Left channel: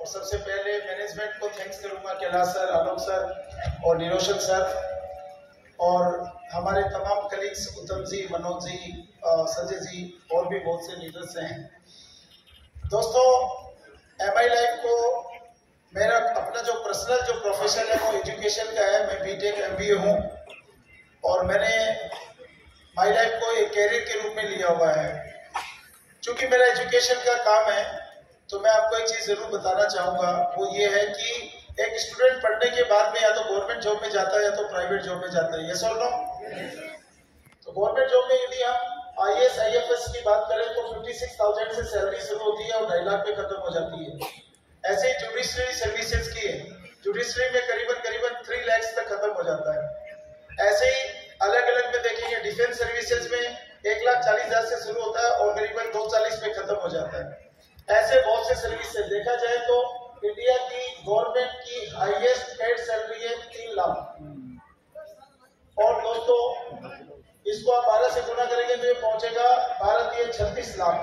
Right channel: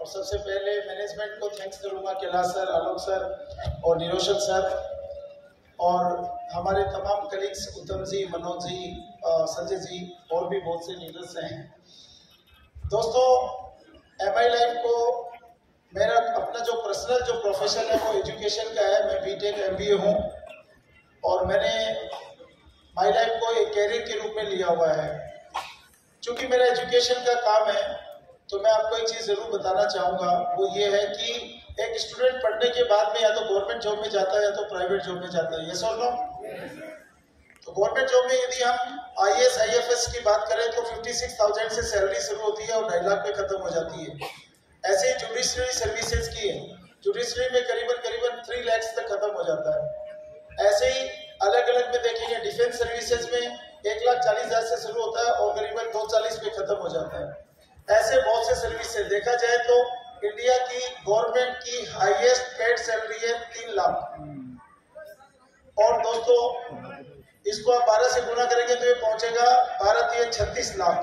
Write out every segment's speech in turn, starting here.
और सबसे पहले मैनेजमेंट को थैंक्स करूंगा, कैलाश सर, आलोक सर और निरोशन सर और हमारे तमाम कलीग्स उत्तम जी, मनोज जी, संजय जी और भी बहुत से लीडर्स हैं। दोस्तों, MI लाइफ को मेरा अपना जो पर्सनल जो प्रोफेशन है वो एजुकेशन का है। मैं BTech MBA हूँ और मैंने माई लाइफ को एक कैरियर के रूप में लिया हुआ है। चूंकि मेरा एजुकेशन का काम है तो मैं आपको एक चीज जरूर बताना चाहूंगा, वो ये है कि एक स्टूडेंट पढ़ने के बाद में या तो गवर्नमेंट जॉब में जाता है या तो प्राइवेट जॉब में जाता है। यस और नो? तो गवर्नमेंट जॉब में यदि हम IAS IFS की बात करें तो 56,000 से सैलरी शुरू होती है और 2.5 लाख पे खत्म हो जाती है। ऐसे ही जुडिशरी सर्विसेज की है, जुडिशरी में करीबन 3 लाख तक खत्म हो जाता है। ऐसे ही अलग अलग में देखेंगे, डिफेंस सर्विसेज में 1,40,000 से शुरू होता है और करीबन 240 पे खत्म हो जाता है। ऐसे बहुत से सर्विस से देखा जाए तो इंडिया की गवर्नमेंट की हाईएस्ट पेड सैलरी है 3 लाख। और दोस्तों, इसको आप 12 से गुना करेंगे तो ये पहुंचेगा 36 लाख।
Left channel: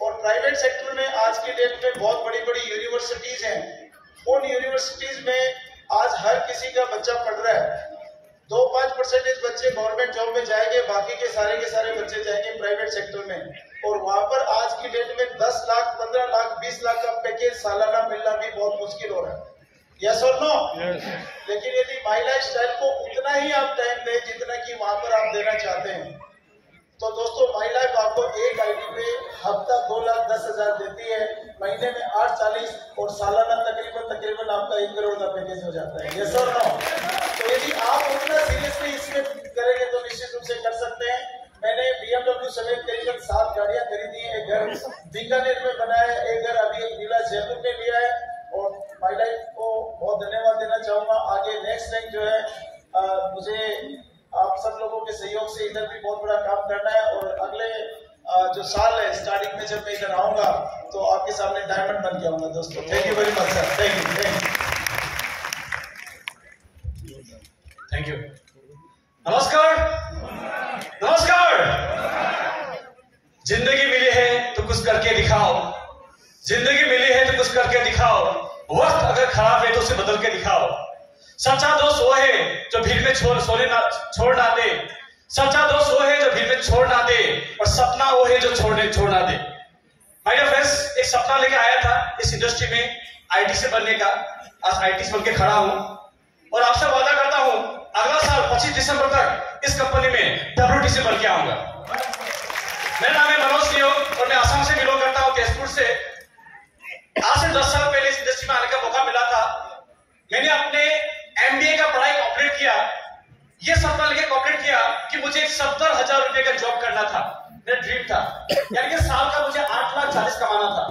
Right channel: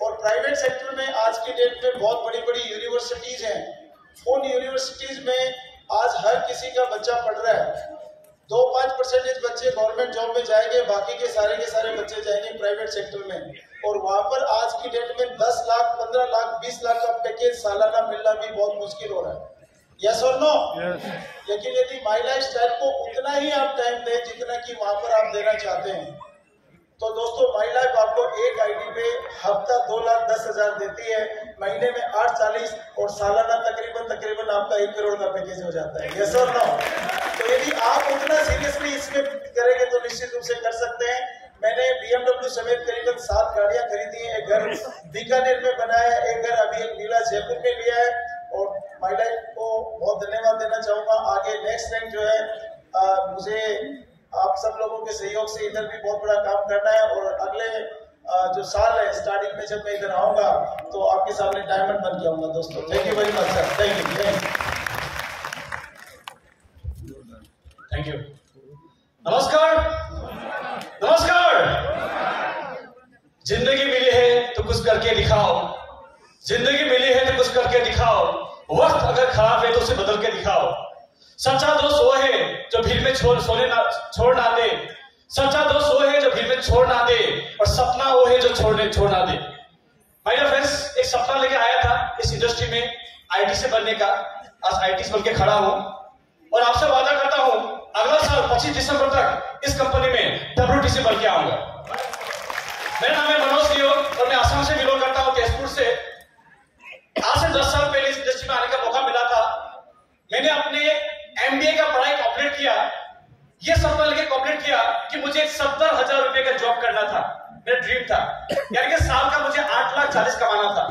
और प्राइवेट सेक्टर में आज की डेट में बहुत बड़ी बड़ी यूनिवर्सिटीज हैं। उन यूनिवर्सिटीज में आज हर किसी का बच्चा पढ़ रहा है। 2-5% बच्चे गवर्नमेंट जॉब में जाएंगे, बाकी के सारे बच्चे जाएंगे प्राइवेट सेक्टर में। और वहां पर आज की डेट में 10 लाख, 15 लाख, 20 लाख का पैकेज सालाना मिलना भी बहुत मुश्किल हो रहा है। यस और नो? लेकिन यदि माई लाइफ स्टाइल को उतना ही आप टाइम दें जितना कि वहां पर आप देना चाहते हैं, तो दोस्तों माई लाइफ आपको एक आईडी पे हफ्ता 2,10,000 देती है, महीने में 840 और सालाना तकरीबन आपका 1 करोड़ का पैकेज हो जाता है। यस और नो? तो यदि आप उतना सीरियसली इसमें करेंगे तो निश्चित रूप से कर सकते हैं। मैंने BMW समेत करीबन 7 गाड़ियां खरीदी हैं, एक घर बीकानेर में बनाया है, एक घर अभी एक नीला जयपुर में लिया है। और माई लाइफ को बहुत धन्यवाद देना चाहूंगा। आगे नेक्स्ट टाइम जो है मुझे आप सब लोगों के सहयोग से इधर भी बहुत बड़ा काम करना है और अगले जो साल है स्टार्टिंग में जब मैं इधर आऊंगा तो आपके सामने डायमंड बन के आऊंगा। दोस्तों thank you very much sir, thank you. नमस्कार, जिंदगी मिली है तो कुछ करके दिखाओ, जिंदगी मिली है तो कुछ करके दिखाओ, वक्त अगर खराब है तो उसे बदल के दिखाओ। सच्चा दोस्त वो है जो भीड़ में छोड़ ना दे, सच्चा दोस्त वो है जो भीड़ में छोड़ ना दे, और सपना वो है जो छोड़ ना दे। माय डियर फ्रेंड्स, एक सपना लेकर आया था इस इंडस्ट्री में IT से बनने का। आज IT से बनके खड़ा हूं और आपसे वादा करता हूं अगला साल 25 दिसंबर तक इस कंपनी में WTC बन के आऊंगा। मेरा नाम है मनोज लियो और मैं असम से बिलोंग करता हूं, तेजपुर से। आज से 10 साल पहले इस इंडस्ट्री में आने का मौका मिला था। मैंने अपने MBA का पढ़ाई कंप्लीट किया, ये सपना लेके कंप्लीट किया कि मुझे एक 70,000 रुपए का जॉब करना था, मेरा ड्रीम था। यानी कि साल का मुझे 8,40,000 कमाना था।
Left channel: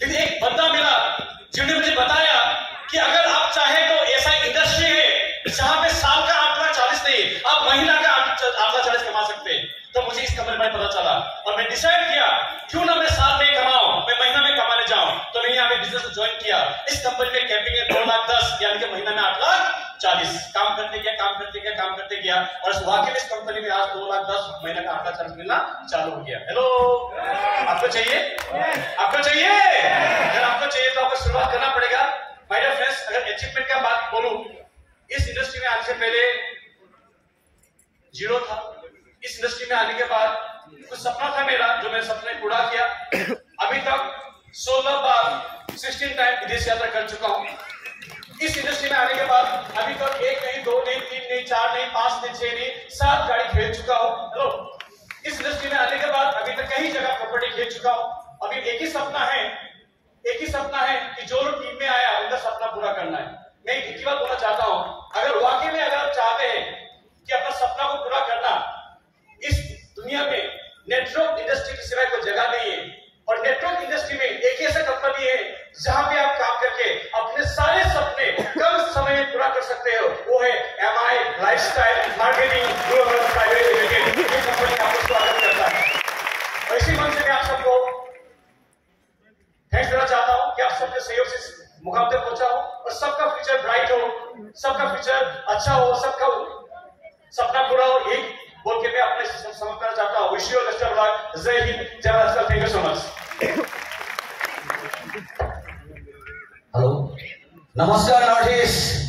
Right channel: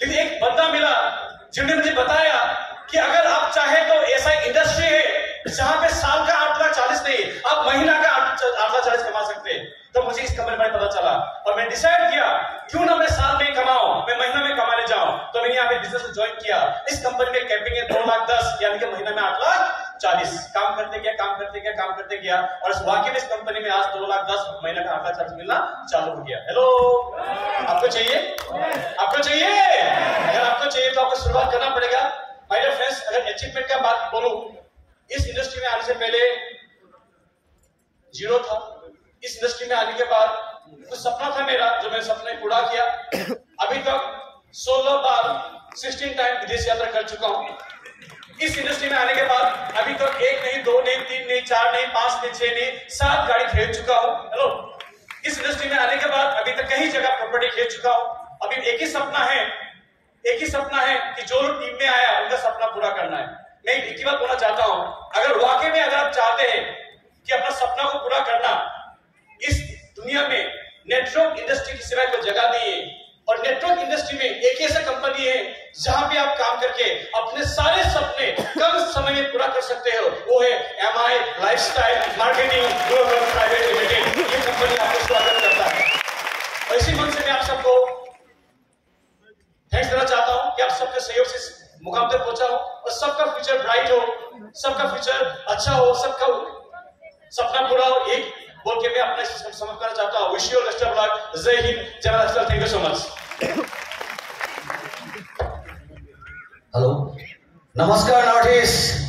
लेकिन एक बंदा मिला जिन्होंने मुझे बताया कि अगर आप चाहे तो ऐसा इंडस्ट्री है जहां पे साल का 8,40,000 नहीं, आप महीना का 8,40,000 कमा सकते हैं। तो मुझे इस कंपनी में पता चला और मैं डिसाइड किया क्यों ना मैं साल में कमाऊं, मैं महीना में कमाने जाऊं। तो मैंने यहाँ पे बिजनेस ज्वाइन किया। इस कंपनी में कैपिंग है 2,10,000, यानी कि महीना में 8,40,000। काम करते गया और इस वाकई में इस कंपनी में आज 2,10,000 महीना का 8,40,000 मिलना चालू हो गया। हेलो, आपको चाहिए? आपको चाहिए? अगर आपको चाहिए तो आपको शुरुआत करना पड़ेगा। माय डियर फ्रेंड्स, अगर अचीवमेंट का बात बोलूं, इस इंडस्ट्री में आने से पहले जीरो था। इस इंडस्ट्री में आने के बाद कुछ सपना था मेरा, जो मैंने सपने पूरा किया। अभी तक 16 बार 16 टाइम विदेश यात्रा कर चुका हूं। इस इंडस्ट्री में आने के बाद अभी तक 1 नहीं, 2 नहीं, 3 नहीं, 4 नहीं, 5 नहीं, 6 नहीं, 7 गाड़ी खरीद चुका हूं। हेलो, इस इंडस्ट्री में आने के बाद अभी तक कई जगह प्रॉपर्टी खरीद चुका हूं। अभी एक ही सपना है कि जो लोग टीम में आया उनका सपना पूरा करना है। मैं एक ही बात बोलना चाहता हूं, अगर वाकई में अगर आप चाहते हैं कि अपना सपना को पूरा करना, इस दुनिया में नेटवर्क इंडस्ट्री की सिवाय कोई जगह नहीं है। और नेटवर्क इंडस्ट्री में एक ऐसा कंपनी है जहां पे आप काम करके अपने सारे सपने कम समय में पूरा कर सकते हो, वो है MI lifestyle marketing private limited. ये कंपनी आपको स्वागत करता है। इसी मन से मैं आप सबको थैंक्स देना चाहता हूं कि आप सबके सहयोग से मुकाम तक पहुंचा हो और सबका फ्यूचर ब्राइट हो, सबका फ्यूचर अच्छा हो, सबका सपना पूरा हो। ये बोल के मैं अपने समाप्त करना चाहता हूं। Wish you best of luck. जय हिंद, जय Bharat. Thank you so much. Namaskar, Northeast.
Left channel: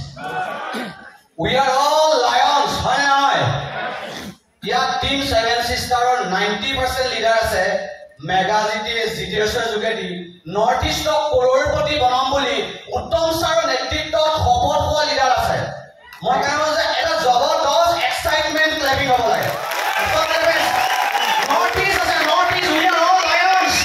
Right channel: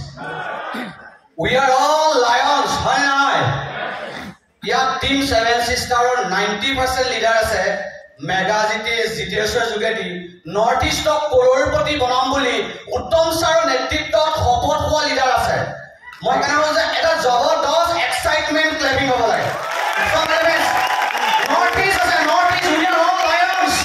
We are all lions, হয় নাই? ইয়াত টিম 7 সিস্টাৰৰ 90% লিডাৰ আছে। মেগা জিটিএছৰ যোগেদি নৰ্থ ইষ্টক কৰোড়পতি বনাম বুলি উত্তম ছাৰৰ নেতৃত্বত শপত হোৱা লিডাৰ আছে। মই কেনেকৈ যে এটা জবৰদস্ত এক্সাইটমেণ্ট ক্লেপিং হ'ব লাগে। নৰ্থ ইষ্ট আছে, north east we are all Lions.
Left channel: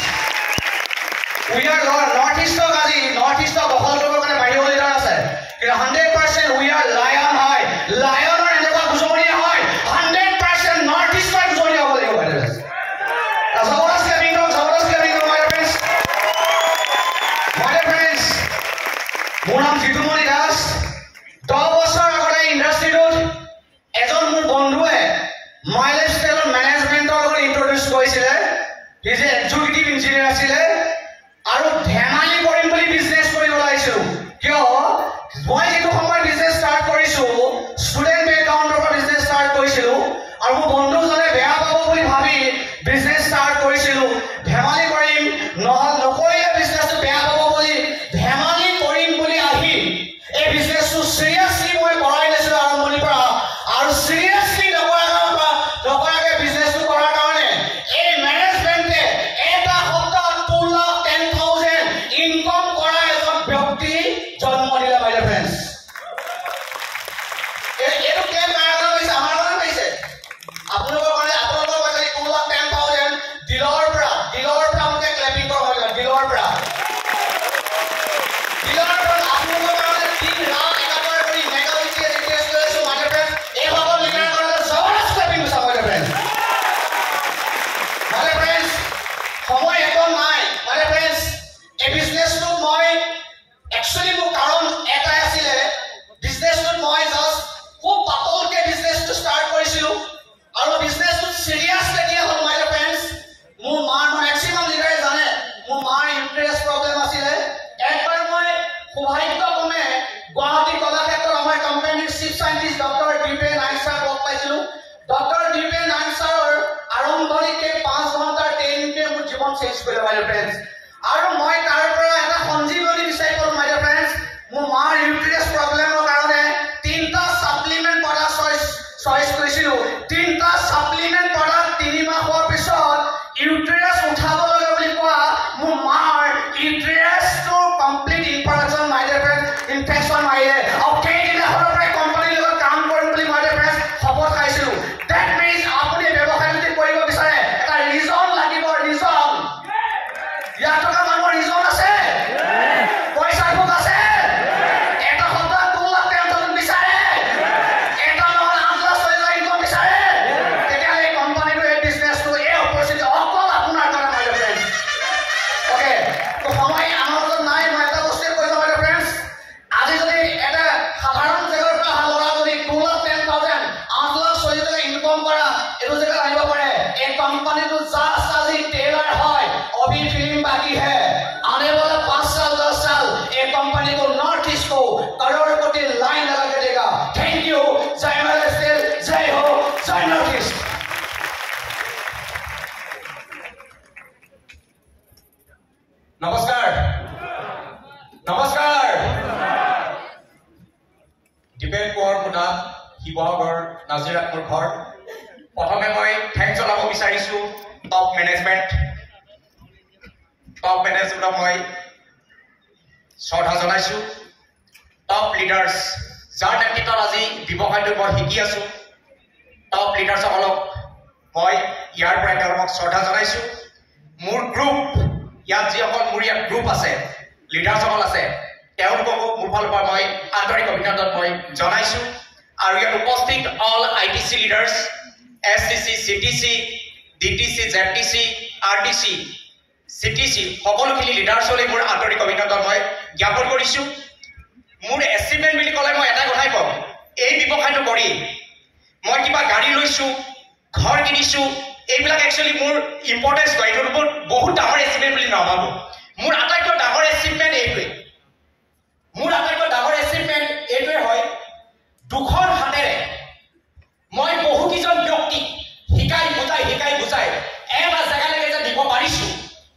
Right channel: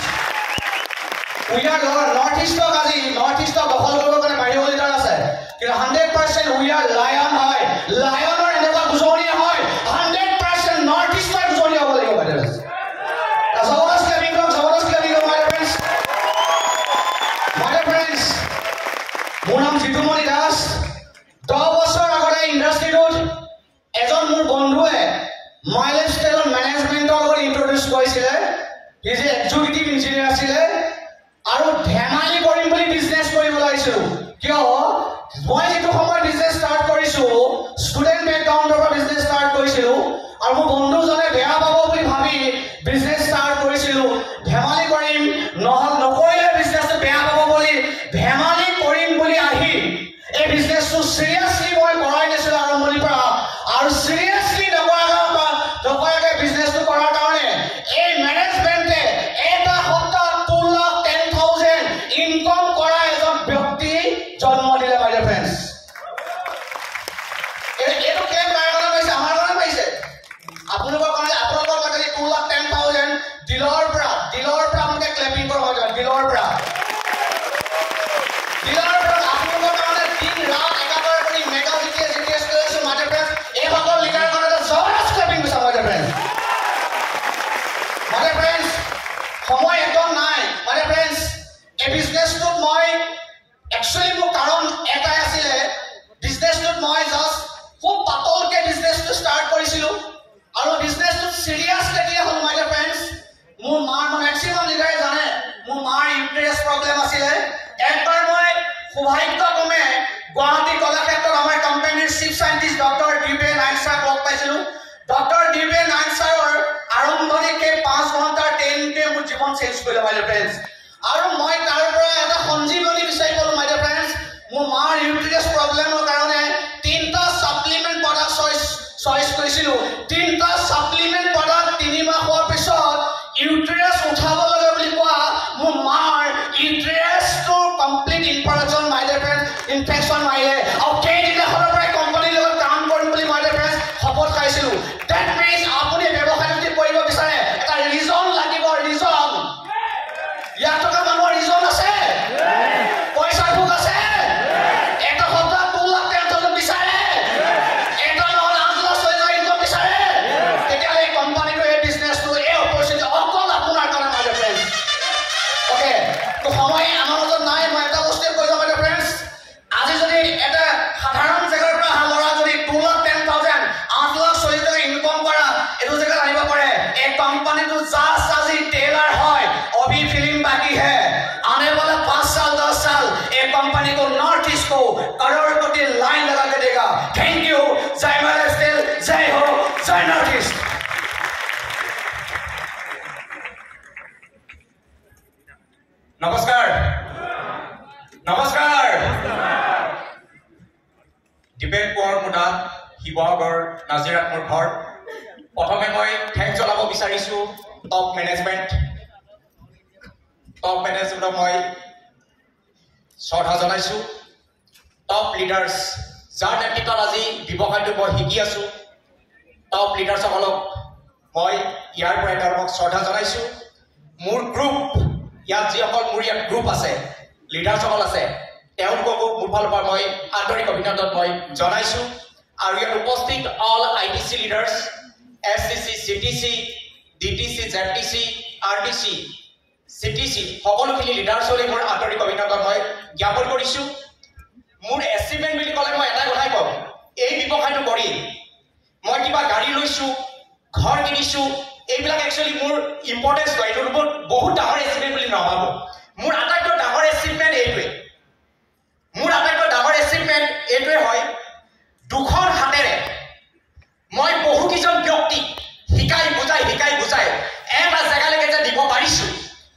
We are north stock আজি নৰ্থ ইষ্টক দখল কৰিবৰ কাৰণে বাহিৰৰ লিডাৰ আছে। কিন্তু 100% উই আৰ লায়ন হয়। লায়নৰ এনেকুৱা গুজৰি হয় 100% নৰ্থ ইষ্টৰ গুজৰি হ'ব লাগিব বাইদেউ। জবৰদস্ত ক্লেপিং কৰক, জবৰদস্ত ক্লেপিং কৰক মাই ফ্ৰেণ্ডছ। মাই ফ্ৰেণ্ডছ, মোৰ নাম জিতুমণি দাস। 10 বছৰ আগতে ইণ্ডাষ্ট্ৰীটোত এজন মোৰ বন্ধুৱে মাইলেজ স্কেলৰ মেনেজমেণ্টৰ লগত ইন্ট্ৰডিউচ কৰিছিলে। হি যে এক্সিকিউটিভ ইঞ্জিনিয়াৰ আছিলে আৰু ধেমালি কৰিম বুলি বিজনেছ কৰিব লাগিছিল। কিয় মই যিটো সময়ত বিজনেছ ষ্টাৰ্ট কৰিছো ষ্টুডেণ্ট বেকগ্ৰাউণ্ডৰ পৰা বিজনেছ ষ্টাৰ্ট কৰিছিলো আৰু মোৰ বন্ধুজনে বেয়া পাব বুলি ভাবি বিজনেছ ষ্টাৰ্ট কৰিছিলো। ধেমালি কৰিম নকৰিলে বিজনেছটো বেয়া পাব বুলি ধেমালি কৰিম বুলি আহি এই বিজনেছটো চিৰিয়াছলি মই কৰাই নাছিলো আৰম্ভণিৰ পৰা। আৰু চিৰিয়াছলি নকৰাকে বিজনেছটো কৰাৰ কাৰণে এই মেনেজমেণ্টে এটা সপ্তাহত 2,10,000 ইনকম কৰা এজন ব্যক্তি জন্ম দিলে মাই ফ্ৰেণ্ডছ। এইটো কেই কাৰণে পাইছে? আমাৰ কাৰণে পাইছে। আপোনালোকৰ কাৰণে আপোনালোকৰ কাৰণে 2,10,000 দিলৰ পৰা আপোনালোকে ক্লেপিং কৰা হয়। দিলৰ পৰা আপোনালোকৰ কাৰণে দিন ৰাত একাকাৰ কৰি মেগা জিটিএছ কৰি আছো মাই ফ্ৰেণ্ডছ। এই সকল লিডাৰৰ কাৰণে জবৰদস্ত ক্লেপিং কৰিছে মাই ফ্ৰেণ্ডছ। মাই ফ্ৰেণ্ডছ, সময় একদম নাই মাই ফ্ৰেণ্ডছ। এই বিজনেছটোত মই একচুৱেলি মোৰ কাৰণ এটাই আছিলে। বিজনেছটোত মই জাষ্ট খুব পাতলকে বিজনেছটো ষ্টাৰ্ট কৰিছিলো আৰু বিজনেছটো চিৰিয়াছ কেতিয়া হ'ল মাই ফ্ৰেণ্ডছ। মোৰ মেক্সিমাম লিডাৰে জানে মোৰ মাৰ ইউটেৰাছ প্ৰব্লেম আছিলে। একবাৰ মই সৌভাগ্যক্ৰমে গুৱাহাটী কলাক্ষেত্ৰত আমাৰ কোম্পানীৰ চিফ চাইণ্টিষ্ট ডক্টৰ ডিপেন নাইক ছাৰক লগ পাইছিলো। ডক্টৰ ডিপেন নাইক ছাৰৰ আৰম্ভণিকে 5 ঘণ্টাৰ ট্ৰেইনিংটোৱে মোৰ জীৱন চেঞ্জ কৰিলে মাই ফ্ৰেণ্ডছ। আৰু মই তাৰ পৰা এটা সঞ্জীৱনী বিচাৰি পালো মাই ফ্ৰেণ্ডছ। মোৰ মাৰ ইউটেৰাছ প্ৰব্লেমৰ কাৰণে 3টা ছাপ্লিমেণ্ট প্ৰডাক্ট চইচ কৰিছিলো। 3টা ছাপ্লিমেণ্ট প্ৰডাক্ট 3 মাহ হোৱাৰ পিছত ইউটেৰাছ উঠাব লাগে বুলি কোৱা মোৰ মাৰ ইউটেৰাছটো complete infection my friends infection মাৰিলে আৰু কেইদিনাখনৰ পৰাই কোম্পানীৰ লগত কাম কৰিম বুলি মাই ফ্ৰেণ্ডছ শপত খাইছিলো। ডেট মিনছ আপুনি ব্যৱসায় যদি কৰিব বিচাৰে এটা ৰিজন লাগিব। ৰিজন ইয়াত থকা মানুহৰ ৰিজন আছে, পইচাৰ ভোক আছে। এটা সপ্তাহ 2,10,000 বিচাৰে, এটা নহ'লে 8,00,000 ইনকম বিচাৰে। তেতিয়াহ'লে এই কোম্পানীটো এই বিজনেছটো এই অপৰচুনিটি অকল আপোনাৰ কাৰণে মাই ফ্ৰেণ্ডছ। অ'কে, তো সময় আমাৰ লগত নাই। মই এটা বস্তুৱে কৈ যাওঁ মাই ফ্ৰেণ্ডছ। আজি যদি এটা সাধাৰণ জেগাৰ পৰা অহা ল'ৰা যদি 2,10,000 8,40,000 ইনকম কৰা এইটো জেগাত আহিব পাৰে। এই কোম্পানীটো জাষ্ট আজি টেইলাৰ হয়, अभी फिल्म बाकी है। आने वाला 5 साल 10 साल ये कंपनी को नॉर्थ ईस्ट को करोड़पति लाइन लगा के देगा। Thank you. जय महाराष्ट्र, जय हो, जय नॉर्थ ईस्ट। নমস্কাৰ নমস্কাৰ। দীপেন কোঁৱৰ মোৰ নাম, শিৱসাগৰ নাজিৰাত মোৰ ঘৰ। প্ৰথমে মই থেংকছ জনাব বিচাৰিছো টপ মেনেজমেণ্টক মই শ্ৰদ্ধা জনাইছো। টপ লিডাৰ্ছ যাৰ নেতৃত্বত আজি ব্যৱসায়টো মই শিকি আছো, টপ লিডাৰ্ছসকলক মই ইয়াৰ পৰাই তেওঁলোকক শ্ৰদ্ধা জনাইছো। মোৰ গ্ৰুপ ইয়াত যিসকল মোৰ ইয়াত গ্ৰুপ আছে, লিডাৰ্ছসকল আছে, তেওঁলোককো মোৰ ফালৰ পৰা মই আন্তৰিক অভিনন্দন মই জনাইছো। আৰু ইয়াত উপস্থিত all ITC leaders, SCC, CTC, DTC, ZTC, RTC, CTC সকলোখিনি লিডাৰ্ছলৈ মোৰ আন্তৰিক অভিনন্দন মই জ্ঞাপন কৰিছো। মোৰ এচিভমেণ্ট বুলি ক'লে মই এটা কথাই ক'ম, এই ব্যৱসায়টো কৰি মই কিবা গাড়ী লৈছো, ঘৰ কিনিছো, এইবিলাক একচুৱেলি মোৰ ইম্পৰ্টেঞ্চ নহয়। এইটো মোৰ বহুত ডাঙৰ এচিভমেণ্ট বুলি নাভাবোঁ। মোৰ আটাইতকৈ ডাঙৰ এচিভমেণ্ট এইটোৱে। মোৰ আটাইতকৈ ডাঙৰ এচিভমেণ্ট এইটোৱে হয়, 2খন হাতেৰে মই বহুকেইজন ব্যক্তিক শিকাই বুজাই এটা জেগালৈকে যে দিব পাৰিছো,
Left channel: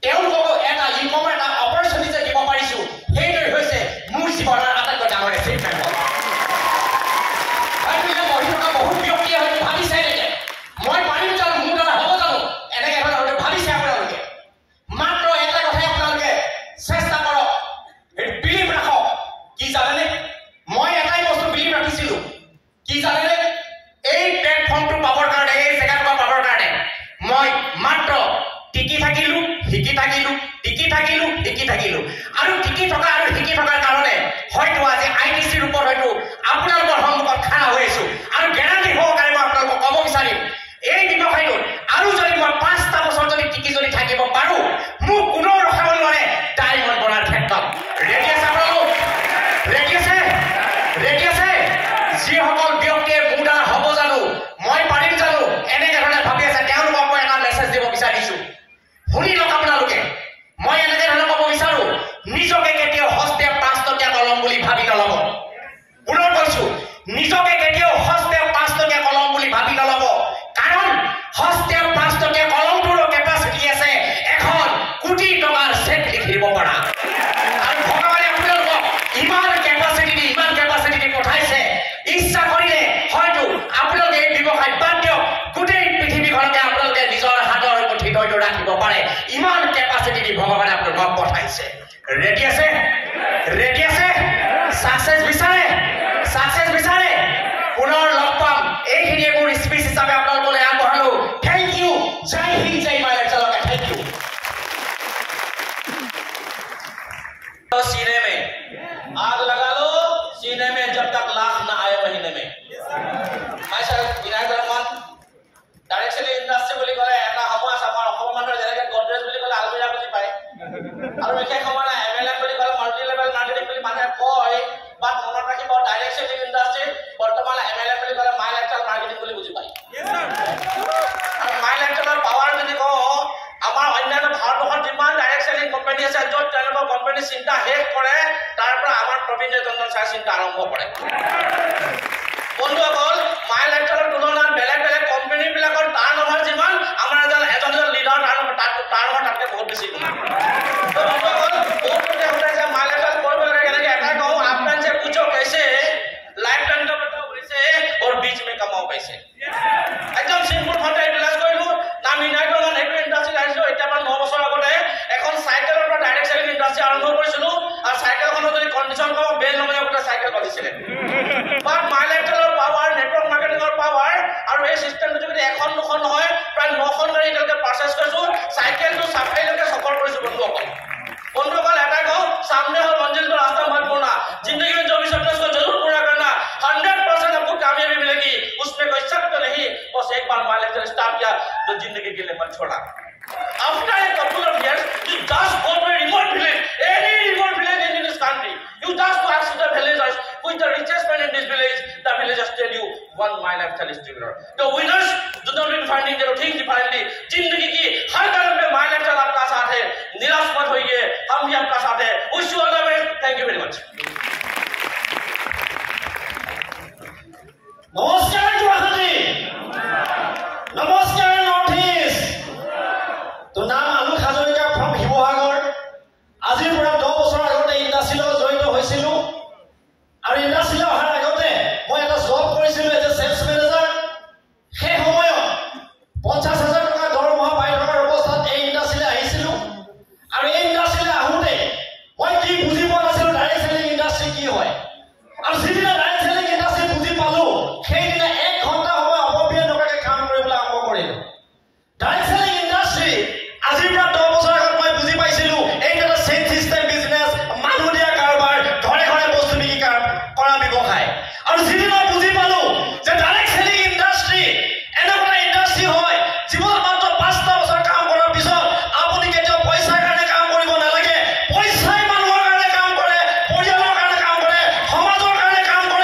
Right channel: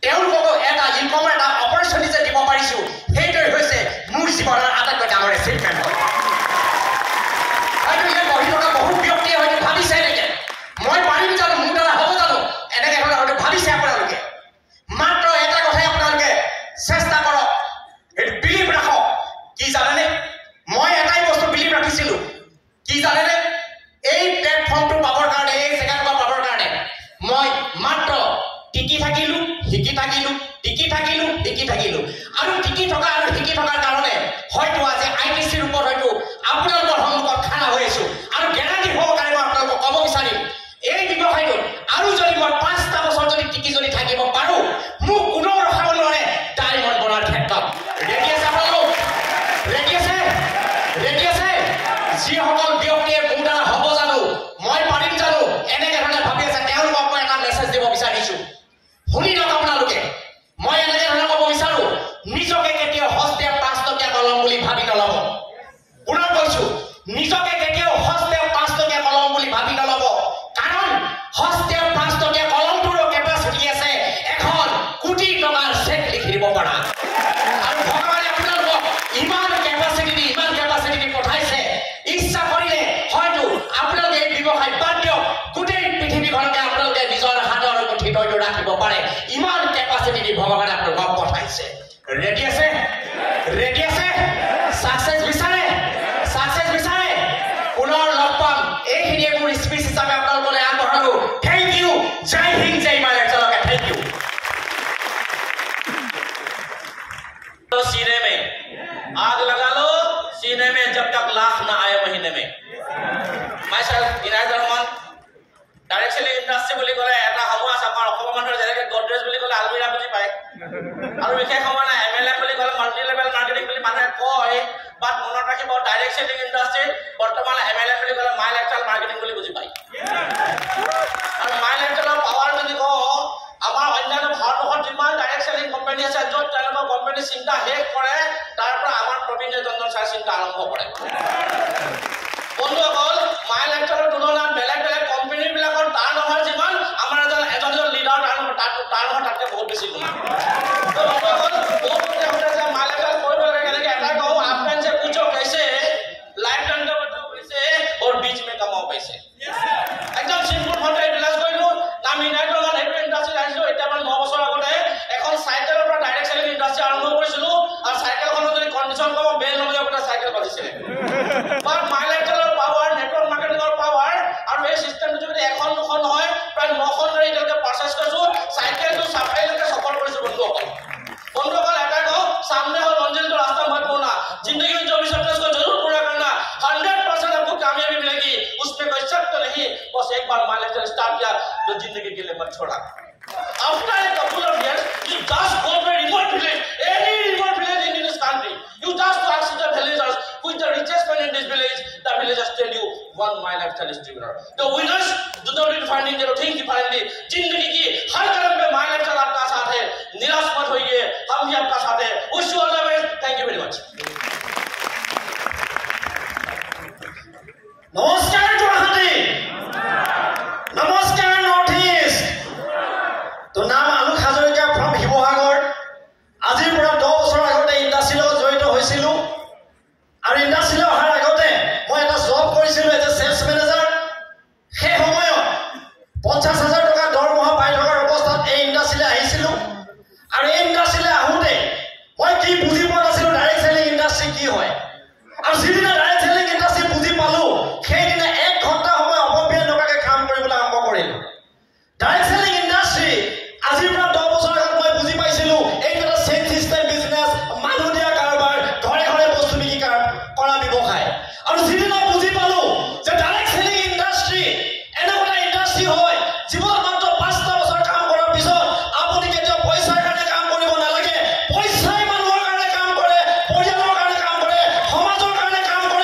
তেওঁলোকক এটা ইনকমৰ এটা অপৰচুনিটি যে দিব পাৰিছো, সেইটোৱে হৈছে মোৰ জীৱনৰ আটাইতকৈ শিকি থকা আৰু শিকি থকাৰ কাৰণে হয়তো আজি আইটিচিৰ ওপৰত হয়তো আপোনালোকৰ সন্মুখত খাৰা হৈ আছো আৰু গেৰাণ্টি সহকাৰে মই আপোনালোকক ক'ব বিচাৰিম এই ব্যৱসায়টোত আৰু যদি মই 5টা বছৰ যদি টিকি যদি থাকিব পাৰোঁ মোক কোনেও ৰখাব নোৱাৰে ডায়মণ্ড বনোৱাৰ ক্ষেত্ৰত ৰেডি আছে আপোনালোক ৰেডি আছে যিসকল ব্যক্তিয়ে মোৰ দ্বাৰা হ'ব জানো মই পাৰিম জানো এনেকে ধৰণে ভাবি আছে তেওঁলোকক মই এটা মেছেজ দিব বিচাৰিছোঁ শুনি লওক আপোনালোকে মই এনেকে ধৰণে ক'ব বিচাৰো নিজকে কেতিয়াও হস্তে 5 টকীয়া কলম বুলি ভাবি নল'ব পুনৰ কৈছোঁ নিজকে কেতিয়াও হস্তে 5 টকীয়া কলম বুলি ভাবি নল'ব কাৰণ হস্তে 5 টকীয়া কলমটোৰ কেপাচিটি আছে 1 কোটি টকাৰ চেক লিখি দিব পৰা আৰু ভগৱানে আপোনালোকক ইমান কেপাচিটি দি পঠাইছে ইচ্ছা কৰিলে হয়তো আপোনালোকে এই ব্যৱসায় বাদ দিয়ক গোটেই পৃথিৱীখনকে আপোনালোকে নিজৰ হাতৰ মুঠিত হয়তো ৰাখিব পাৰে ইমান কেপাচিটি দি ভগৱানে আপোনালোকক পঠাইছে ৰেডি আছে সাকসেস বিচাৰে পুনৰ লগ পাম এইখিনিয়ে মোৰ স্পীচ হিচাপে আপোনালোকলৈ আগবঢ়ালো থেংক ইউ জয় হিন্দ জয় ভাৰত চলকে থেংক ইউ तो सीने में आग लगा लो सीने में जब तक लाख ना आए महीने में myself Inayat Rahman directly industry বুলি ক'লে এটা সময় আছে আমাৰ অসমৰ মানুহৰ যেনেকে গডৰেজ বুলি ক'লে আলমিৰা বুজি পায় আৰু বিশেষ সময় নাই MLM বুলি ক'লে মাল্টি লেভেল মাৰ্কেটিং বুলি মানুহে কয় বাট মনত ৰাখিব ডাইৰেক্ট সেলিং ইণ্ডাষ্ট্ৰী বৰ্তমান MLM বুলি ক'লে মাই লেভেল মাৰ্কেটিং বুলি বুজি পায় আৰু মাই লেভেলৰ পাৱাৰ যদি কওঁ আমাৰ অন্যান্য ভাৰতবৰ্ষত যিমান ডাইৰেক্ট সেলিং কোম্পানী আছে য'ত তেওঁলোকৰ কোম্পানী চিন্তা শেষ কৰে তাৰ পৰা আমাৰ প্ৰবীণ চন্দ্ৰ ছাৰ চিন্তা আৰম্ভ কৰে বন্ধুসকল মাই লেভেলৰ তুলনাত বেলেগ কোম্পানীবিলাকৰ টাৰ্ণ অভাৰ যিমান আমাৰ এজন লিডাৰ টাৰ্ণ অভাৰ তাতকৈ বহুত বেছি বন্ধুসকল মাই লেভেল কৰিব লাগে কেনেকৈ এটা কওঁ आपन से पूछो कैसे लाइफ टाइम का बताओ कैसे और बीच में कमाओ पैसे एकदम सिंपल ভাবে ৰিলাইজ কৰিলো নাম ইনাইট ৰহমান হেভি ইণ্ডাষ্ট্ৰী আহিছো এতিয়া পৰা 9 বছৰ আগতে এখন চাইকেলৰ পৰা ডাইৰেক্ট সেলিং ইণ্ডাষ্ট্ৰী আৰম্ভ কৰিছিলো আৰু চাইকেলখনৰ যদি কণ্ডিশ্যন কম বেল নলয় ওটা চাইকেল বাজিছিলে বাট মাই লেভেলৰ পাৱাৰ নেটৱৰ্ক মাৰ্কেটিঙৰ পাৱাৰ আৰু এই সিস্টেমটো যদি এখন দুখন নহয় প্ৰায় 9খন গাড়ী এতিয়ালৈকে পাৰচেজ কৰিছো চাইকেলটো চাফাইলৈকে সফল কৰিছো বন্ধুসকল এটা কওঁ सामने हो मंजिल तो रास्ता मत मोड़ना जिंदगी में जो भी सपने उसको जरूर पूरा करना 100% आपको कामयाबी मिलेगी उसमें कोई शक तो नहीं बस एक बार मान लेकर स्टार्ट किया तो जिंदगी के लिए मत छोड़ा after a couple of years you just go to a remote village any remote village in this country you just ask the villagers who is the richest man in this village the villagers tell you one my lifestyle is distributor the winners do not be finding their things differently जिंदगी की हर कदम पे my lifestyle आपका साथ है निराश मत होइए हम भी आपका साथ है wish you all the best thank you very much নমস্কাৰ জোহাদি নমস্কাৰ নৰ্থ ইষ্ট তো নাম আলু হাজৰিকা ফ্ৰম শিৱসাগৰ আজিৰ পৰা 10 বছৰ আগতে ইণ্ডাষ্ট্ৰীৰ লগত জড়িত হৈছিলোঁ আৰু ইণ্ডাষ্ট্ৰীলৈ অহাৰ আগতে মই এটা জব কৰিছিলোঁ এজ এ সেলছ মেনেজাৰ সেই সময়ত 50,000 টকা দৰমহা পাই থকাৰ অৱস্থাত এই ইণ্ডাষ্ট্ৰীলৈ আহিছিলোঁ আৰু এই ইণ্ডাষ্ট্ৰীলৈ আহোঁতে মই কি বুজি পোৱা নাছিলোঁ ডাইৰেক্ট সেলিং ইণ্ডাষ্ট্ৰী কি হয় আৰু যিদিনা ডাইৰেক্ট সেলিং ইণ্ডাষ্ট্ৰী বুজি পালোঁ সেইদিনা 1 ঘণ্টা সময় অপব্যয় নকৰাকৈ কাম কৰিবলৈ আৰম্ভ কৰিলোঁ ডাইৰেক্ট সেলিং ইণ্ডাষ্ট্ৰী আজিৰ পৰা 10 বছৰ আগত মই বুজি পাইছিলোঁ এইটো এটা চেইন চিষ্টেম বিজনেছ মানুহ দিয়া কাৰোবাৰ ঘৰে ঘৰে বস্তু বিক্ৰী কৰা ব্যৱসায় আৰু যিদিনা বুজি পালোঁ যে ডাইৰেক্ট সেলিং ইণ্ডাষ্ট্ৰী এনেকুৱা ইণ্ডাষ্ট্ৰী হয় জীৱনত মাত্ৰ 5টা বছৰ কাম কৰাৰ পিছত আপুনি কেতিয়াও পইচাৰ কাৰণে কাম কৰিব নালাগে পইচাই মানুহৰ কাৰণে কাম কৰে পৰিয়ালৰ কাৰণে কাম কৰে সমাজৰ কাৰণে কাম কৰে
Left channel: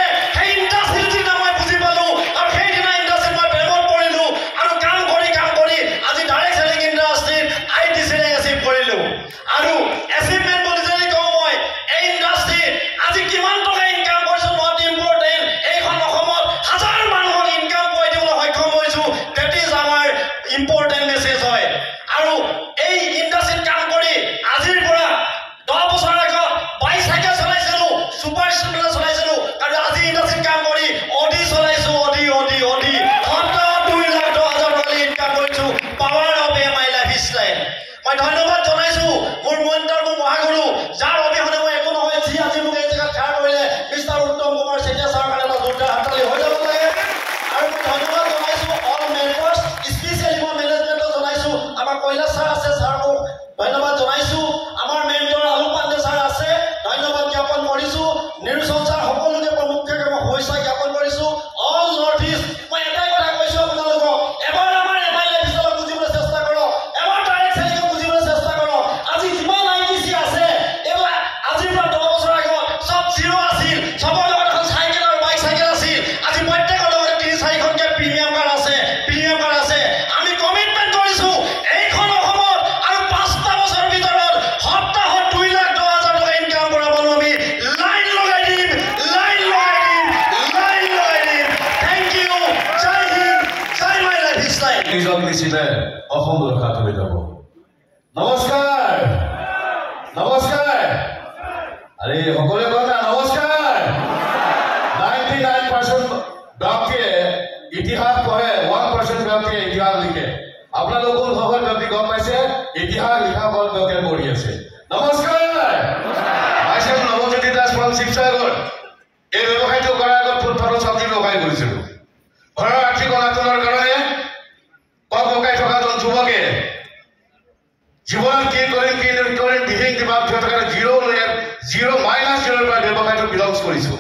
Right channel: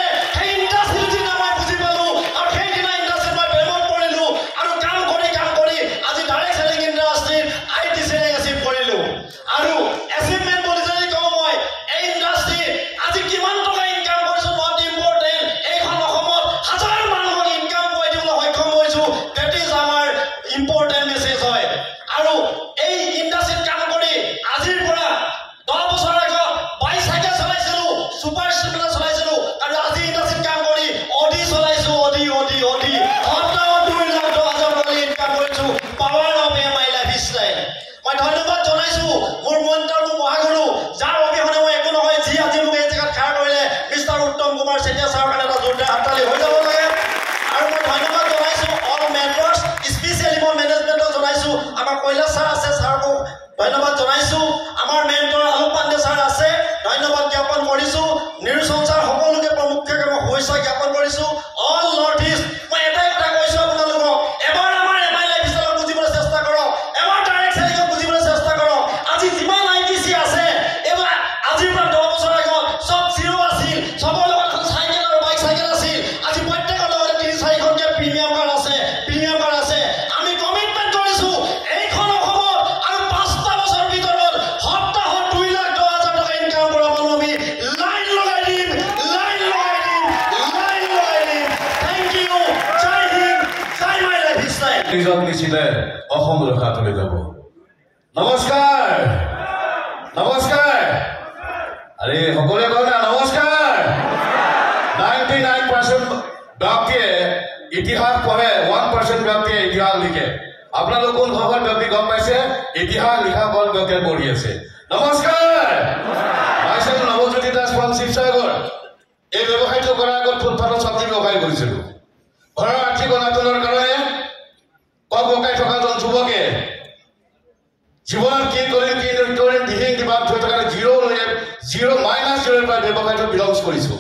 নিজক নিছিলে অসম ৰক্ষা কৰি যাব নমস্কাৰ নমস্কাৰ আৰে সকলোৱে কয় না নমস্কাৰ 99% ব্যক্তিয়ে ইতিহাস পঢ়ে 1% ব্যক্তিয়ে ইতিহাস লিখে আপোনালোক কোন খবৰ ব্যক্তি গম পাইছে ইতিহাস লিখা ফল ব্যক্তিয়ে পঢ়ি আছে নমস্কাৰ মাইছেল নৱজ্যোতি দাস ফ্ৰম শিৱসাগৰ এই ব্যৱসায়টো কৰাৰ আগত ফুলফলৰ চব্জি ব্যৱসায় কৰিছিলোঁ ঘৰৰ আৰ্থিক অনাটনৰ কাৰণে কক বকাই থকা জন যুৱকে জীৱনত কি কৰিম দিহিং দিবাৰ থকাৰ জিৰ' -0 পৰা ব্যৱসায়টো বিলংছ কৰিছোঁ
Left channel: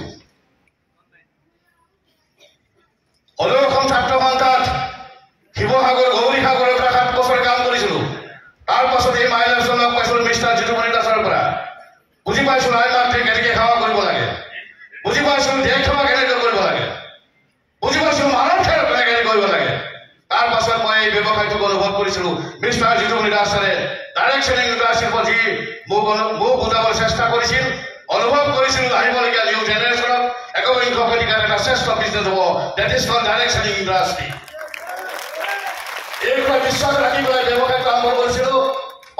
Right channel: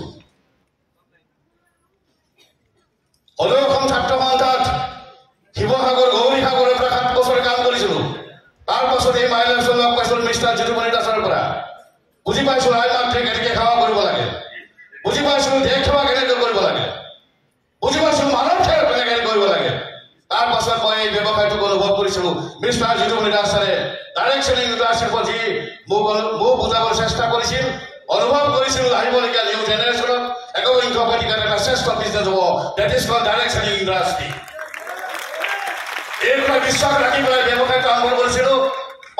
অসম ছাত্ৰ সন্থাত শিৱসাগৰ গৌৰীসাগৰৰ পৰা 7 বছৰ কাম কৰিছিলোঁ তাৰ পাছত এই মাইলেজৰ লগ পাইছিলোঁ মিষ্টাৰ জিতুমণি দাসৰ পৰা বুজি পাইছোঁ আই মাতৃ কেনেকৈ সেৱা কৰিব লাগে বুজি পাইছোঁ দেশ সেৱা কেনেকৈ কৰিব লাগে বুজি পাইছোঁ মানৱ সেৱা কেনেকৈ কৰিব লাগে তাৰ পাছত মই এই ব্যৱসায়টোক অনুভৱ কৰিছিলোঁ মিষ্টাৰ জিতুমণি দাসে ডাইৰেকশ্যন ইণ্ডাষ্ট্ৰীৰ প্ৰতি মোক বুজাবৰ চেষ্টা কৰিছিল অনুভৱ কৰিছিলোঁ আহিবলগীয়া নিউ জেনেৰেশ্যনক একবিংশ শতিকাত এটা শ্ৰেষ্ঠ বিজনেছ হ'ব that is called direction industry এই বিশ্বাস ৰাখি মই ব্যৱসায়টো আৰম্ভ কৰিছিলোঁ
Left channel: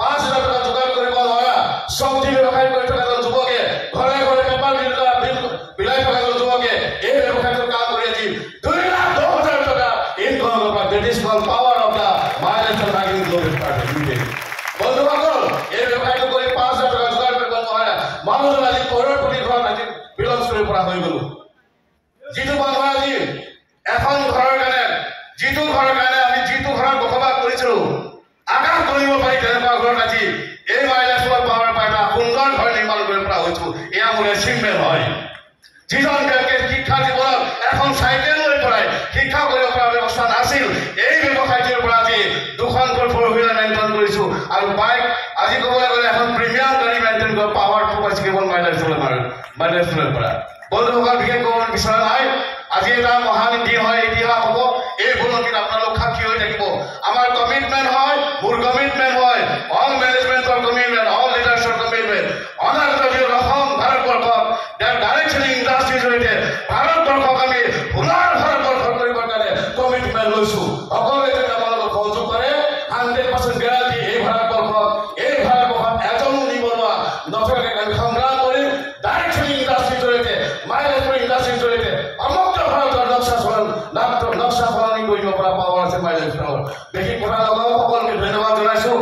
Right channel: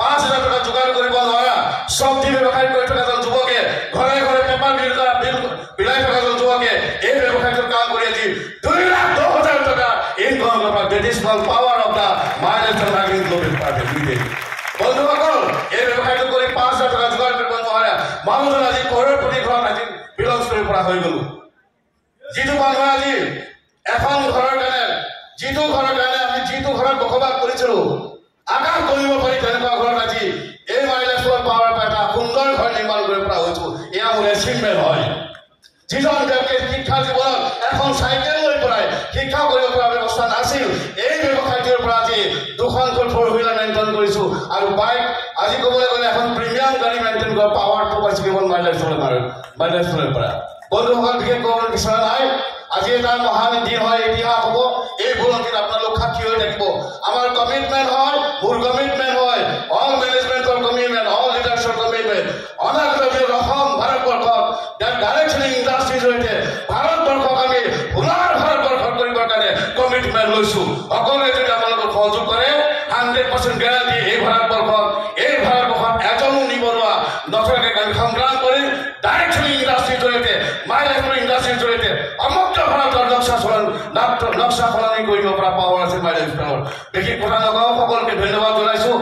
5,000 টকা যোগাৰ কৰিব নোৱাৰা চব্জি ব্যৱসায় কৰি থকা এজন যুৱকে ঘৰে ঘৰে পেপাৰ বিলাই থকা এজন যুৱকে এই ব্যৱসায়টোৰ কাম কৰি আজি 2,10,000 টকা ইনকাম কৰা that is called power of the mileage tracking global party বন্ধুসকল এই ব্যৱসায়টো কৰি 5,000 টকা যোগাৰ কৰিব নোৱাৰা মানুহজন আজি কৰৰপতি ঘৰত আজি বিলংছ কৰিব পৰা হৈ গ'লো যিটো মানুহে আজি এখন ঘৰৰ কাৰণে যিটো ঘৰত বসবাস কৰিছিলোঁ আকাশ কৰিব পাৰি তেনেকুৱা ঘৰত আজি এই মাইলেজৰ পাৱাৰ পৰা এটা সুন্দৰ ঘৰ নিৰ্মাণ কৰিব পৰা হৈছোঁ এয়া মোৰ এচিভমেণ্ট হয় যিজন ব্যক্তিয়ে শিক্ষা জীৱনত এখন চাইকেল লৈ পৰাই শিক্ষা কৰিব পৰা ব্যৱস্থা নাছিল এই ব্যৱসায়টোৰ পৰা আজি 2খনকৈ 4-wheeler মেইনটেইন কৰিছোঁ আৰু বাইক আজি ক'বলৈ গ'লে এখন প্ৰিমিয়াম গাড়ী মেইনটেইন কৰা পাৱাৰ ফ'কাছ কেৱল মাইলেজৰ পৰা বন্ধুসকল বিশেষ ক'ব বিচৰা নাই আজি এটা মহান দিন হয় ইতিহাস হ'ব এই বুৰঞ্জীত আপোনালোক সাক্ষী হৈ থাকিব আমাৰ কমিটমেণ্ট হয় মোৰ কমিটমেণ্ট হয় অল মেনেজমেণ্টৰ কমিটমেণ্ট অল লিডাৰ্ছৰ কমিটমেণ্ট অনাগত দিনত অসম ভাৰতবৰ্ষক ডাইৰেকশ্যন ইণ্ডাষ্ট্ৰীৰ জৰিয়তে ভাৰতবৰ্ষক আমি পুনৰ ভাৰতবৰ্ষ কৰিবৰ কাৰণে কমিটমেণ্ট লৈছোঁ সকলোৱে যদি আপোনালোকক সহযোগ কৰে 100% গেৰাণ্টি এই ভাৰতবৰ্ষত এজনো নিবনুৱা নথকাকৈ আমি সংগ্ৰাম কৰিম ডাইৰেকশ্যন ইণ্ডাষ্ট্ৰীৰ জৰিয়তে মাইলেজৰ ইণ্ডাষ্ট্ৰীৰ জৰিয়তে সমগ্ৰ ভাৰতৰ নক্সা সলনি কৰিব পৰা পাৱাৰ আছে মাইলেজৰ বিশেষ কথা লগাও সকলোকে ধন্যবাদ জনাইছোঁ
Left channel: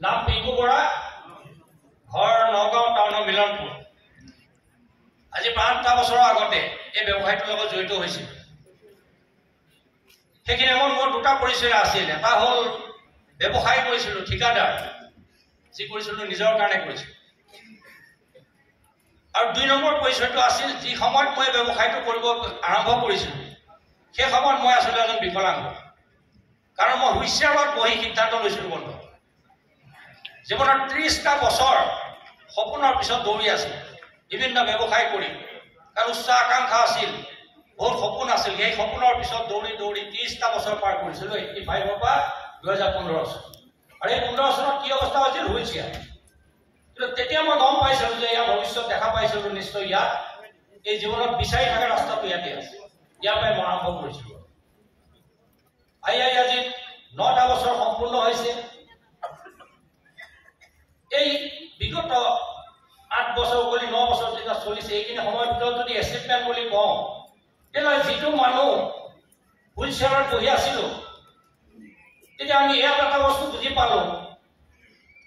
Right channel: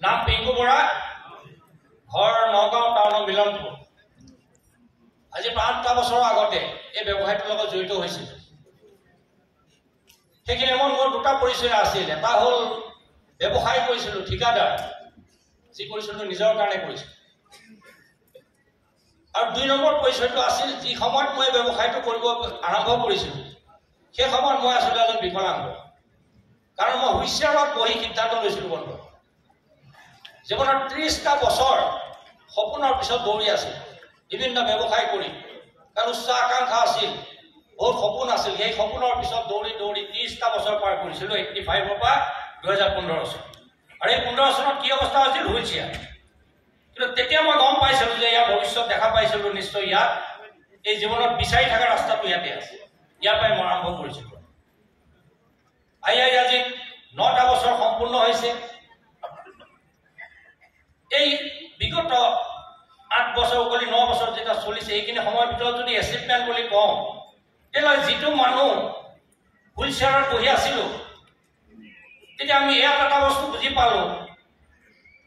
নাম পিংকু বৰা ঘৰ নগাঁও টাউনৰ মিলনপুৰ আজি 5টা বছৰৰ আগতে এই ব্যৱসায়টোৰ লগত জড়িত হৈছিল সেইখিনি সময়ত মোৰ 2টা পৰিচয় আছিল এটা হ'ল ব্যৱসায় কৰিছিলোঁ ঠিকাদাৰ যি কৰিছিলোঁ নিজৰ কাৰণে কৰিছিলোঁ আৰু 2 নম্বৰ পৰিচয়টো আছিল যি সময়ত মই ব্যৱসায়টো কৰিব আৰম্ভ কৰিছিলোঁ সেই সময়ত মই আছিলোঁ এজন বিকলাংগ কাৰণ মই হুইলচেয়াৰত বহি সিদ্ধান্ত লৈছিলোঁ বন্ধু জীৱনৰ 30টা বছৰ সপোনৰ পিছত দৌৰি আছিল বিভিন্ন ব্যৱসায় কৰি কাৰণ উচ্চ আকাংক্ষা আছিল বহুত সপোন আছিল সেই সপোনৰ পিছত দৌৰি 30টা বছৰ পাৰ কৰিছিলোঁ 85ৰ পৰা 2015 চন আৰু এই 15 চনত কি অৱস্থা হৈছিল হুইলচেয়াৰ কিন্তু তেতিয়া মই গম পাইছিলোঁ যে ইয়াৰ ভৱিষ্যত দেখা পাইছিলোঁ নিশ্চয় ইয়াত এই জীৱনত বিচাৰি থকা ৰাস্তাটো ইয়াতে আছে ইয়াৰ পৰাই মই আৰম্ভ কৰিছিলোঁ আজি 9টা বছৰ সম্পূৰ্ণ হৈছে এই বিগত 8 বছৰ বুলি 9 বছৰ যেটা চলিছে এইখিনি সময়ৰ ভিতৰত যদি এচিভমেণ্ট বুলি কওঁ তেতিয়াহ'লে যিটো মানুহ হুইলচেয়াৰত বহি আছিলোঁ তেতিয়া আমি ইয়াত এটা বস্তু বুজি পালোঁ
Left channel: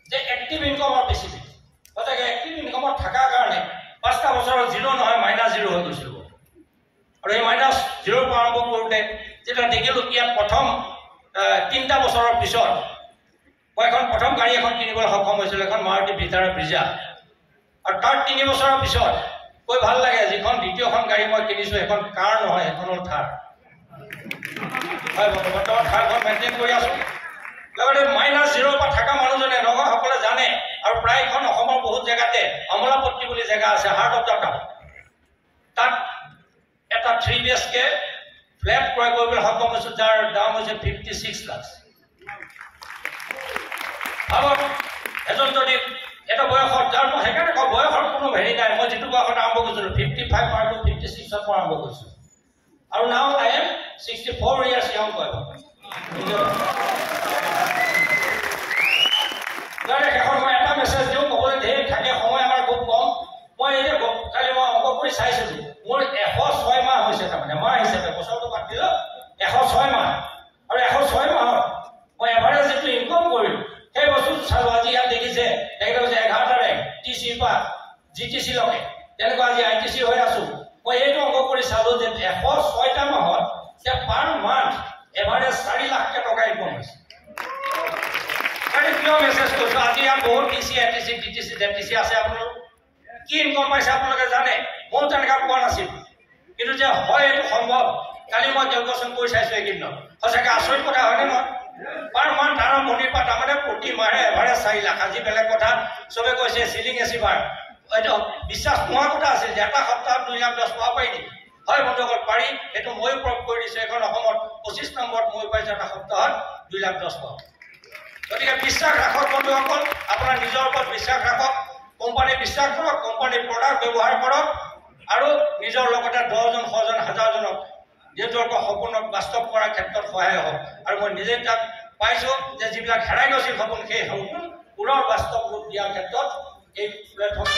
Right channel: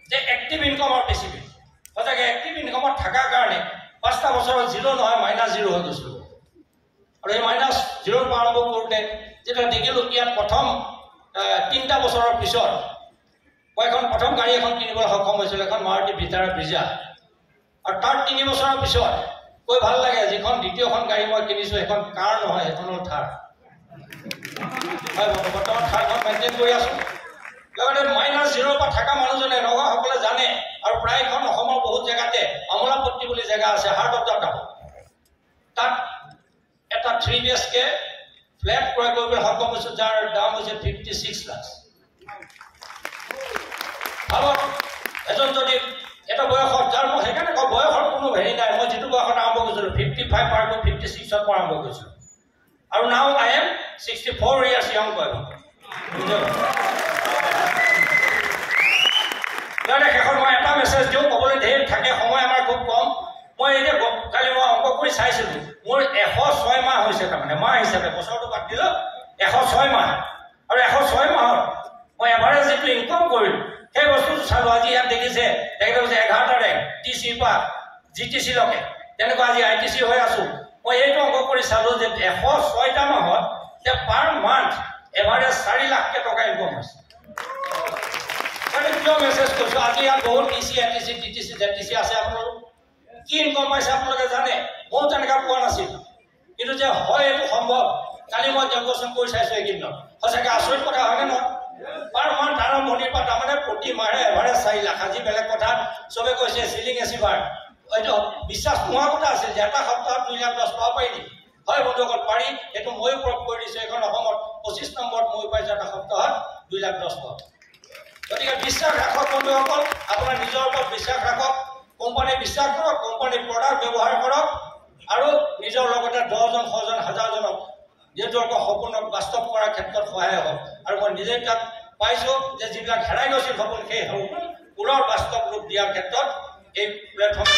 যে এক্টিভ ইনকামৰ বেছি সঁচাকৈ এক্টিভ ইনকামত থকাৰ কাৰণে 5টা বছৰত 0 নহয় -0 হৈ গৈছিলোঁ আৰু এই -0 পৰা আৰম্ভ কৰোঁতে যেতিয়া দেখিলোঁ ইয়াত প্ৰথম 3টা বছৰৰ পিছত মই এখন প্ৰথম গাড়ী এখন কিনিবলৈ সক্ষম হৈছিলোঁ এখন মাৰুতি ভিটাৰা ব্ৰিজা আৰু তাৰ 3 বছৰৰ পিছত কৈ ভাল লাগে যিখন দ্বিতীয়খন গাড়ী মই কিনিছোঁ এখন কাৰ নহয় এখন হ'ল থাৰ হয় বৰ্তমান থাৰখন মেইনটেইন কৰি আছোঁ লগতে -0 পৰা থকা মানুহজনে নগাঁওসকলে জানে আৰু প্ৰায়খন অসমৰ বহুত জেগাতে আমোলাপট্টি বুলি জেগা আছে হাৰ্ট অফ দ্য টাউন তাত এটা 3 BHK ফ্লেট ক্ৰয় কৰিবলৈ সক্ষম হৈছোঁ যাৰ দাম হৈছে 56 লাখ ভাবক এজন যদি এটা বয়সত যাৰ মই সেইকাৰণে কওঁ বয়সৰ কোনো হেৰি নাই মই যিটো বয়সত আৰম্ভ কৰিছিলোঁ 55 পৰা 56ত মই আৰম্ভ কৰিছিলোঁ আৰু now I am 64 years young boy. মানে শেষত মই এটা মেছেজ দিওঁ, ক'বলৈ ধেৰ থাকে, সময় আমাৰ খুব কম। মই এতিয়া কালি মই অংক কৰি চাইছিলোঁ, মোৰ 106 মাহ হৈছে, তাৰমানে মাহ হিচাপে বছৰটো বাদ দিলোঁ 106 মাহ। আৰু 106 মাহত মই এভাৰেজ যিটো ইনকম কৰিলোঁ সেই বস্তুটো চালোঁ। আজি ইয়াত দেখিছে তেখেতে কৈছে 11 তাৰিখ TC পৰা GTC লৈকে, তেনেকুৱা আজি ITC হৈ আছোঁ। মই এইটো অংক কৰি চালোঁ যে 106টা মাহত পাৰ মান্থ এভাৰেজ 4 লাখ টকা ইনকম হৈছে। কিয় মেছেজ কৰিছোঁ, আজি ইয়াত বহুত TC ATC TTC ZTC আছে, আপোনালোক কি ইনকম পাইছে আপোনালোকে জানে? ময়ো তেনেকুৱা পোৱা নাছিলোঁ, কিন্তু যে হয় এইটো সম্ভৱ। কালি মই কেলকুলেশ্যন কৰি চাইছোঁ এইকেইদিনত, সঁচাকৈ আচৰিত কথা হয়নে নহয়? পাৰ মান্থ আৰম্ভণিৰ পৰা তাৰমানে প্ৰতি মাহে এভাৰেজ 4 লাখ। আজি বেলেগ কথা চবে কৈছে চিলিং এচিভাৰ, হয়তো বিশ্বাস নোহোৱা কথা আছিল যে এটা সপ্তাহত 2 লাখ 10 পাব পাৰি নেকি? হয় বন্ধুসকল পাৰি, সেইটো ময়ো প্ৰয়োগ কৰি দিছোঁ। এখন অসমত 25 নম্বৰত মই পাইছোঁ এটা সপ্তাহত 2 লাখ 10 পাব। গতিকে বিশ্বাস ৰাখক বন্ধুসকল, আপোনাৰ নিজৰ ওপৰত বিশ্বাস ৰাখক, কোম্পানী বিশ্বাস কৰক, কোম্পানীৰ প্ৰডাক্ট ব্যৱহাৰ কৰক, আৰু নিজৰ লগতে 10জন 100জন 1000জনক নিজকে সপোনক বাস্তৱ কৰাৰ ক্ষেত্ৰত সহায় হওক। আৰু মই নিজে তাক পাইছোঁ যে যিবিলাক হেৰাই গৈছিল সপোন, সেই সপোন পুনৰ বাস্তৱ ৰূপ দিয়াৰ ক্ষেত্ৰত এই প্লেটফৰ্ম।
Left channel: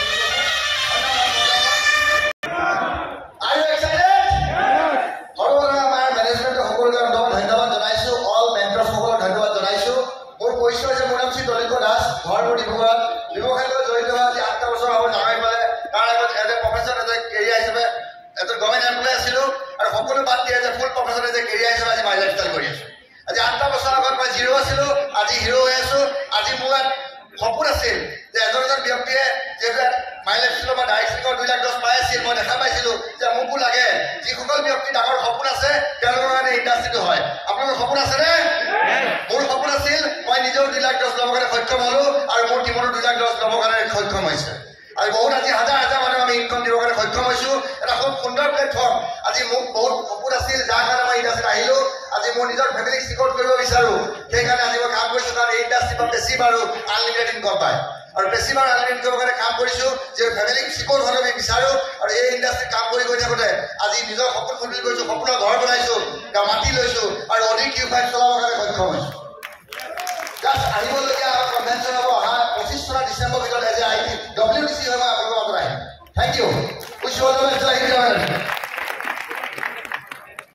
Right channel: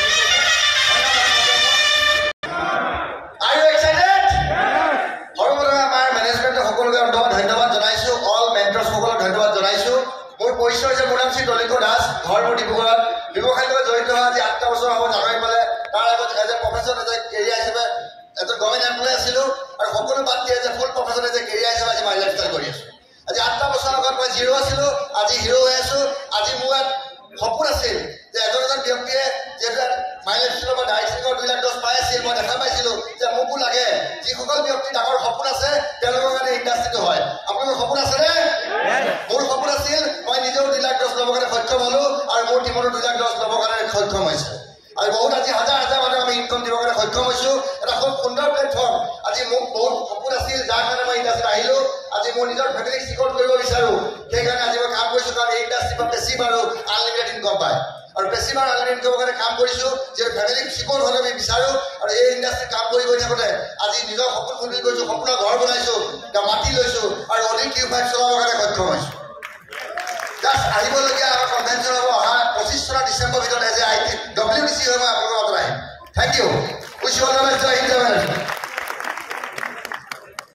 ধন্যবাদ জনাইছোঁ, অল মেণ্টৰসকলক ধন্যবাদ জনাইছোঁ। মোৰ পৰিচয় হৈছে মনামশ্ৰী দলিত দাস, ঘৰ মোৰ ডিব্ৰুগড়ত, ব্যৱসায়ৰ লগত জড়িত হোৱা আজি 8টা বছৰ হ'ব জানুৱাৰী পালে। তাৰ আগত as a profession, as a career হিচাপে এজন গভৰ্ণমেণ্ট এমপ্লয় আছিলোঁ, আৰু সকলো বাদ দি as a full profession, as a career হিচাপে আজি মাই লাইফষ্টাইল কৰি আছোঁ। আজি 8টা বছৰ আগত মই জিৰ' আছিলোঁ, আজি হিৰ' হৈ আছোঁ। আজি মোৰ ইয়াত সপোন আছিল যে এজন ব্যক্তিয়ে যিহেতু মাই লাইফষ্টাইলৰ পৰা ডাইৰেক্ট 2 লাখ 10 পাই আছিল, মই দেখা পাইছিলোঁ যে মোকো লাগে যিসকল ব্যক্তি ডাঙৰ সপোন আছে তেওঁলোকৰ কাৰণে ইণ্ডাষ্ট্ৰিটো হয়। আপোনালোকৰ সপোন আছেনে? মোৰ সপোন আছিল, মই নিজেও 2 লাখ 10 ল'বৰ কাৰণে সক্ষম হ'লোঁ, আৰু মোৰ টিমৰো 2 লাখ 10 ল'বৰ কাৰণে সক্ষম হৈছে। আৰু বহুত আজি হাজাৰ হাজাৰ মানুহ আমি ইনকম দিবৰ কাৰণে সক্ষম হৈছোঁ। এটা খুব সুন্দৰ প্লেটফৰ্ম। আজি মোক বহুত সপোন আছিল, যাৰ কাৰণে মই ইণ্ডাষ্ট্ৰিত আহিলোঁ। আজি মোৰ নিজৰ ফেমিলিক চিকিউৰ কৰিব বিচাৰোঁ, সেইকাৰণে আজি মই কাম কৰিছোঁ। কাৰণ এই ইণ্ডাষ্ট্ৰিত বেছি বাৰু আনলিমিটেড ইনকম পায়, আৰু বেছি বাৰু আনলিমিটেড ইনকমৰ কাৰণে কাম কৰিছোঁ, যে ফেমিলিক চিকিউৰ হ'ব আমি বিচাৰোঁ। আৰু এই ইণ্ডাষ্ট্ৰিত কাম কৰি গৈ থাকোঁতে আজি নিজৰ সপোন ফুলফিল কৰিছোঁ, সপোনৰ ঘৰ বনাইছোঁ, মাটি লৈছোঁ, আৰু অধিক Q5 চলাবৰ কাৰণে সক্ষম হৈছোঁ। জাষ্ট আহিবলগীয়া আমাৰ কনভেনশ্যন হ'ব অহা 25 চনৰ ডিচেম্বৰ ভিতৰত এজ এ WTC হৈ মই আপোনালোকৰ লগত আহিম। Thank you. Wish you all the best.